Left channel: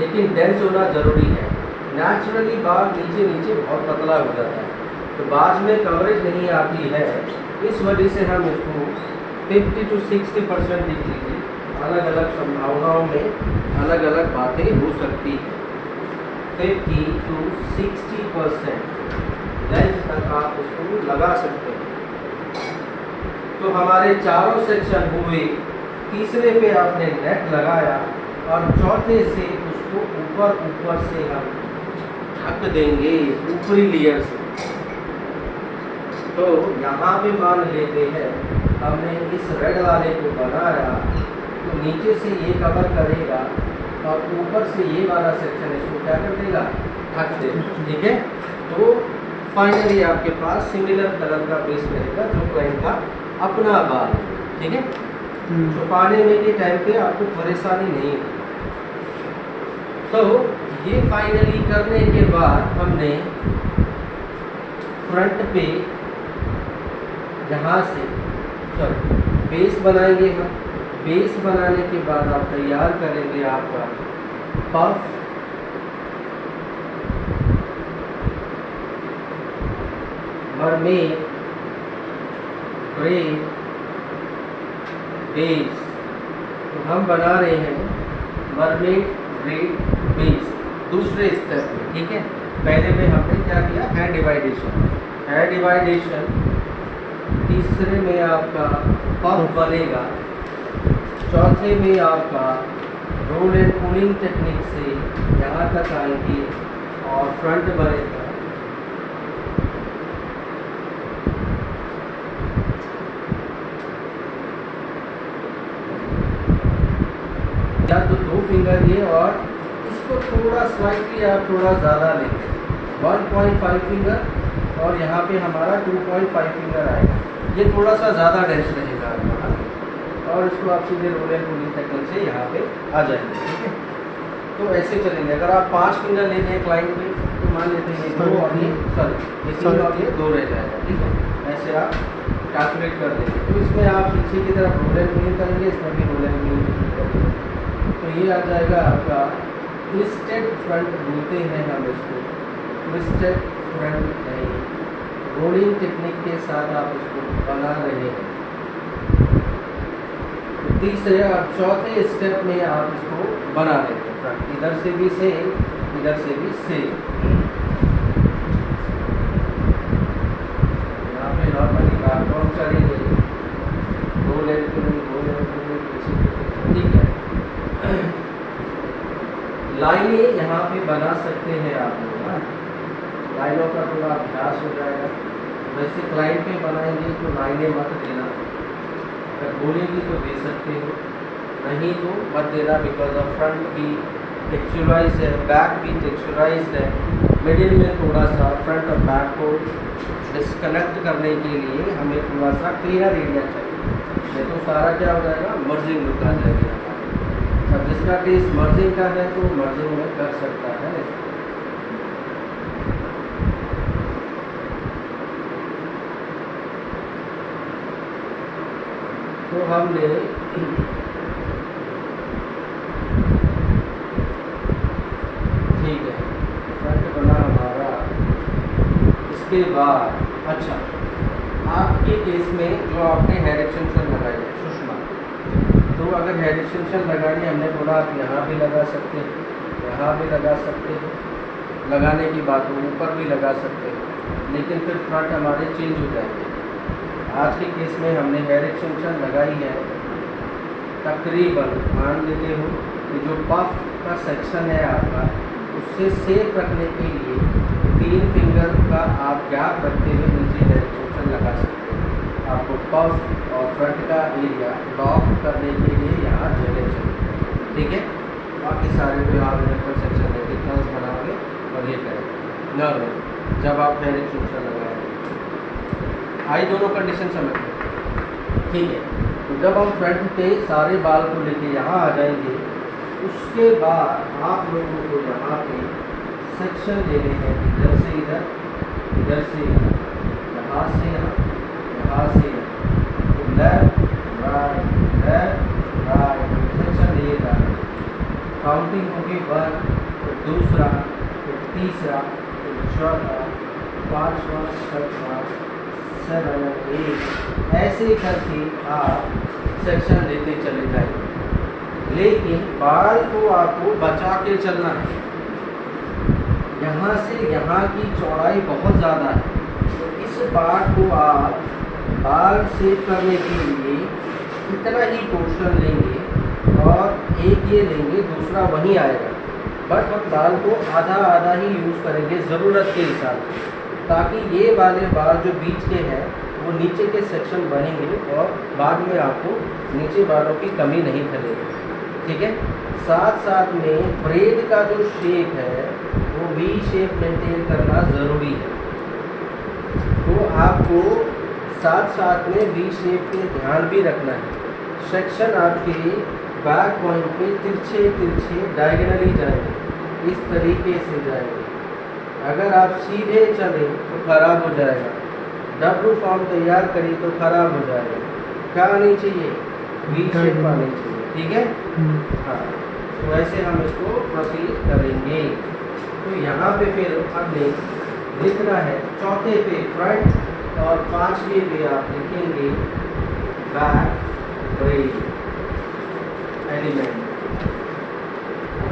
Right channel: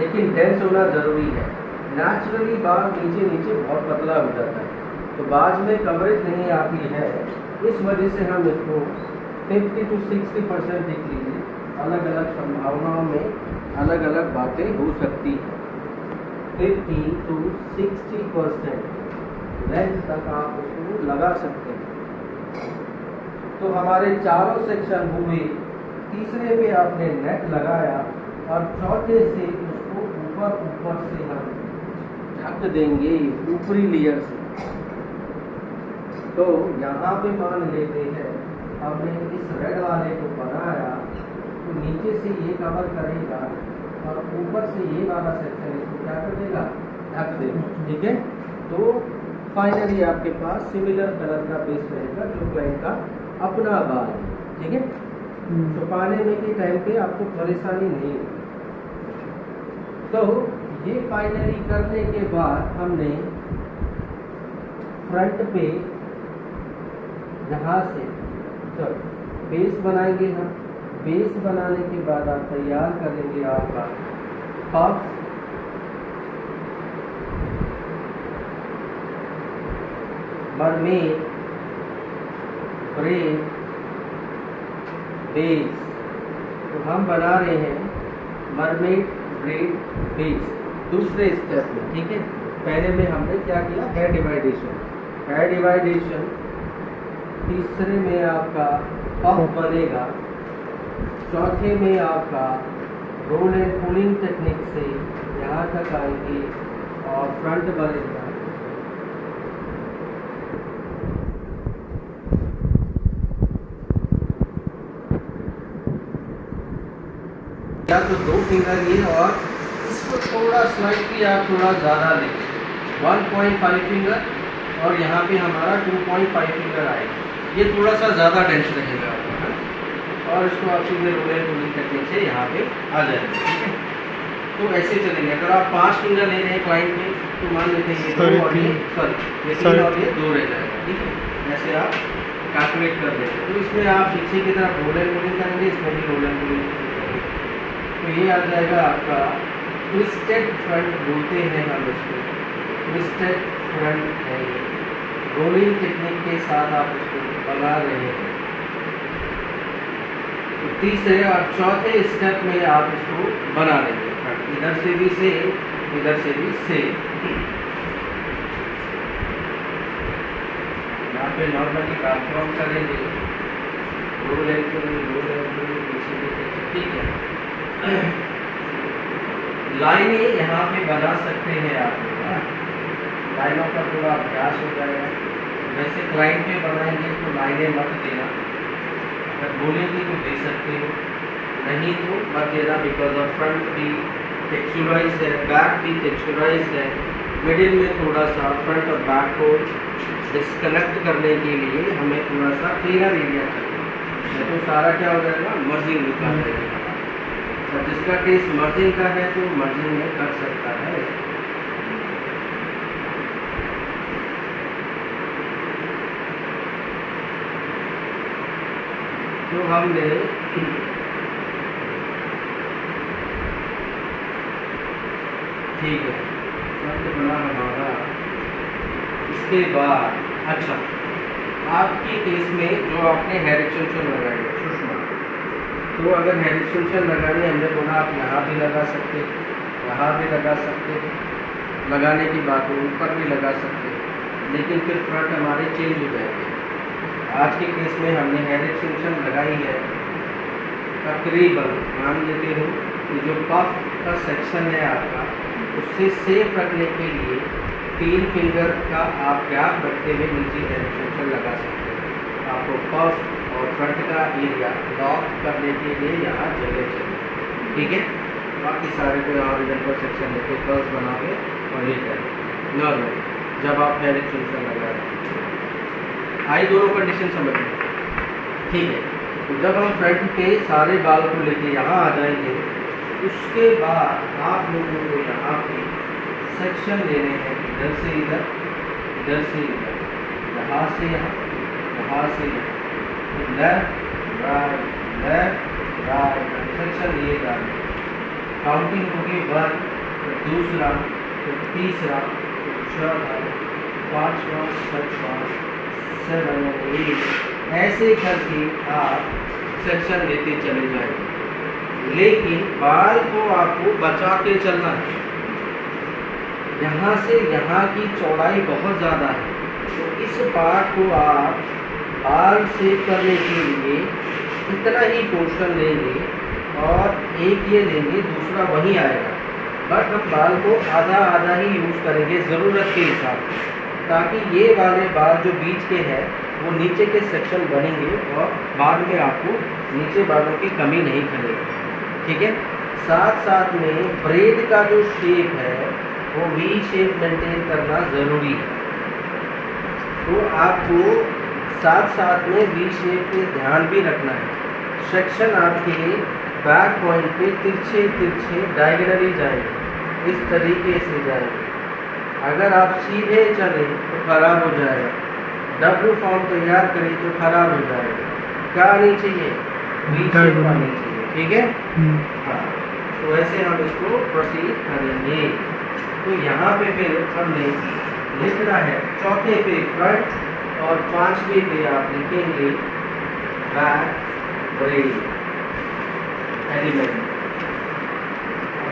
लेकिन डेंस होना ज़रूरी है। नेचुरली बाल नीचे नीचे बहुत पतला हो जाता है, तो बाज में कवरेज नहीं आती है। इस वजह से हम इसको 50 to 60% लिख लीजिए। अलग अलग संभावनाओं में अलग अलग बातें हो सकती हैं। 50 to 60% लेंथ तक आप उसको लगा सकते हैं। तो हमारे चारों सेक्शन हुए। तीसरे पे आपने नेट लगाया और चौथे से उसको ऊपर से हम ढक देंगे ऊपरी लेयर से। तो यहाँ पे मान लेते हैं हमने इस रेड वाले को बनाया, तो नीचे से ये कवर करेगा और ऊपर से ये वाला सेक्शन इसको क्या कर देगा, ढक देगा। ठीक है, तो फाइनली आपके पास सिमिलर कलर का बेस रहेगा जो क्लाइंट का अपना बाल है। ठीक है, छुपाने में के टाइम पे आपको परेशानी नहीं होगी। तो ये फाइनली करने के बाद हमने फ्रंट पे यहाँ से बेस बनाएंगे हम। बेस बनाने के बाद आप तैयार करेंगे आपका पफ, मरमेड, ब्रेड, बेस। तो हम बना रहे हैं मरमेड, ब्रेड, बेस दूसरे स्टेप में। ठीक है, पहले में हमने क्या किया, हेयर डिवाइडेशन। हेयर डिवाइडेशन तीसरे में आपका पफ बनेगा, चौथे में आपका रोल एंड पुलिंग टेक्निक से यहाँ तक आएंगे और फ्रंट बनेगा। या तो 2 फिंगर ये, और इसको थोड़ा स्लाइटली आप थोड़ा ज़्यादा लें, 1.5 फिंगर, और यहाँ पे हमारा 2.5 फिंगर आएगा। ये थोड़ा सा ज़्यादा डेंस रहेगा हमारा, और इसको आप सीधे रोल एंड पुलिंग टेक्निक से यहाँ पे आ जाएंगे। ठीक है, तो ऐसे चलेंगे। अगर आप 5 फिंगर ले रहे हैं क्लाइंट में, तो मान लेते हैं ये 2 और ये 3 और ये 2 रह जाएगा। ठीक है, ऐसे आप कैलकुलेट कर देंगे। तो इसमें आप पीछे की तरफ रोल एंड पुलिंग करेंगे, इसमें भी रोल एंड पुलिंग करेंगे। तो ये आ जाएगा आपका ट्विस्टेड फ्रंट बोलते हैं हम इसको, ट्विस्टेड फ्रंट है। रोलिंग टेक्निक के साथ आप इसको बना रहे हैं। तो तीसरे और चौथे स्टेप में आप इसको बना लेंगे फ्रंट, इधर से भी सेम, इधर से भी सेम। यहाँ पे नॉर्मली काम करेंगे, रोल एंड पुलिंग पीछे। ठीक है, लाइनें यहाँ पे बना सकते हैं आप लोग, लाइनों का थोड़ा अभ्यास हो जाएगा। वैसे क्लाइंट पे बनाएंगे तो लाइनें मत देना, अगर बोलेंगे तो दे सकते हो, नहीं तो मत देना, बिकॉज ऑफ फ्रंट भी टेक्सचराइज है, बैक भी टेक्सचराइज है। मिडिल में थोड़ा सा फ्रंट और बैक को डिस्कनेक्ट करने के लिए हमें थोड़ा सा क्लियर एरिया चाहिए, नहीं तो सारा क्या हो जाएगा, मर्जिंग निकाल देगा। जिसका टेस्ट मर्जिंग का है तो मर्जिंग में कर सकता है। तो हमने ठीक है फ्रंट बना हमारा। इसके बाद अच्छा, आपके केस में जो आपने हेयर एक्सटेंशन लगाई सुषमा, तो अगर हेयर एक्सटेंशन लगानी हमने बोला आप यहाँ भी लगा सकते हैं, यहाँ भी लगा सकते हैं, लगाने की बात हो ऊपर भी लगा सकते हैं, लेकिन फिर फ्रंट हमारे चेंज हो जाएंगे। आज के केस में हमने हेयर एक्सटेंशन लगाई है तकरीबन, मान लेते हो कि जो पफ का सेक्शन है आपका, उससे सेफ रखने के लिए 3 फिंगर का आप गैप रखते हुए नीचे हेयर एक्सटेंशन लगा सकते हैं। आपको पफ और फ्रंट का एरिया लॉक करने के लिए यहाँ जगह चाहिए। ठीक है, बाकी सारे को आप इधर पर सेक्शन लेके कर्व्स बनाओगे और ये करेंगे नॉर्मल। जब आप हेयर एक्सटेंशन लगा रहे हैं, आई दोनों कंडीशन समझ लें। ठीक है, तो जब हम फ्रंट पे सारे बाल को लेके यहाँ आ जाएंगे, उसके बाद आप लोगों को यहाँ पे सेक्शन लेने हैं, इधर से इधर, इधर से इधर, यहाँ से यहाँ, यहाँ से यहाँ, लेफ्ट राइट सेक्शन लिए जाएंगे। काउंटिंग होगी 1, फिर दूसरा, फिर तीसरा, फिर चौथा, पाँचवा, छठवा, 7, 8, ऐसे करके आप सेक्शन लेते चले जाएंगे। लेकिन बाल को आपको बचा के चलना है। यहाँ से यहाँ की चौड़ाई बहुत ज़्यादा है, तो इस पार्ट को आप बाल सेव करने के लिए इतना ही पोर्शन लेंगे और एक ये लेंगे, दूसरा वहीं आएगा, बट हम बाल को आधा आधा ही यूज़ करेंगे ज़रूरत के हिसाब से, ताकि ये वाले बाल जो बीच के हैं वो नीचे के सेक्शन बनेंगे और बाद में आपको नीचे बालों की कमी नहीं खलेगी। ठीक है। साथ साथ में ब्रेड का जो शेप है वो वी शेप मेंटेन करना ज़रूरी है, तो आपको साथ साथ में वी शेप पे ध्यान भी रखना है। सेक्शन आपके बैक पॉइंट पे तिरछे तिरछे डायगनली जाएंगे, इस तरीके से जाएंगे। अगर आप सीधे चले तो ख़राब हो जाएगा, डब्लू फॉर्म तैयार करें तो ख़राब हो जाएगा। क्या आनी चाहिए? वी शेप आनी चाहिए। ठीक है। हाँ, तो ऐसे हम इसको प्रोसीड करेंगे। तो यहाँ पे फिर हमने लिखना है, चौथे पे फ्रंट और पांचवे पे आप लिखेंगे बैक ब्रेड एलिमेंट।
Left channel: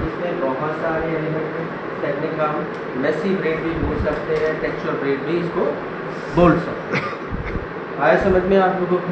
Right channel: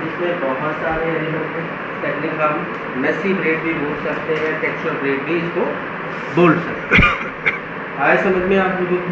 इसमें बहुत सारे एलिमेंट हैं, टेक्निक हम मेसी ब्रेड भी बोल सकते हैं, टेक्सचर ब्रेड भी इसको बोल सकते हैं। आया समझ में आप लोगों को?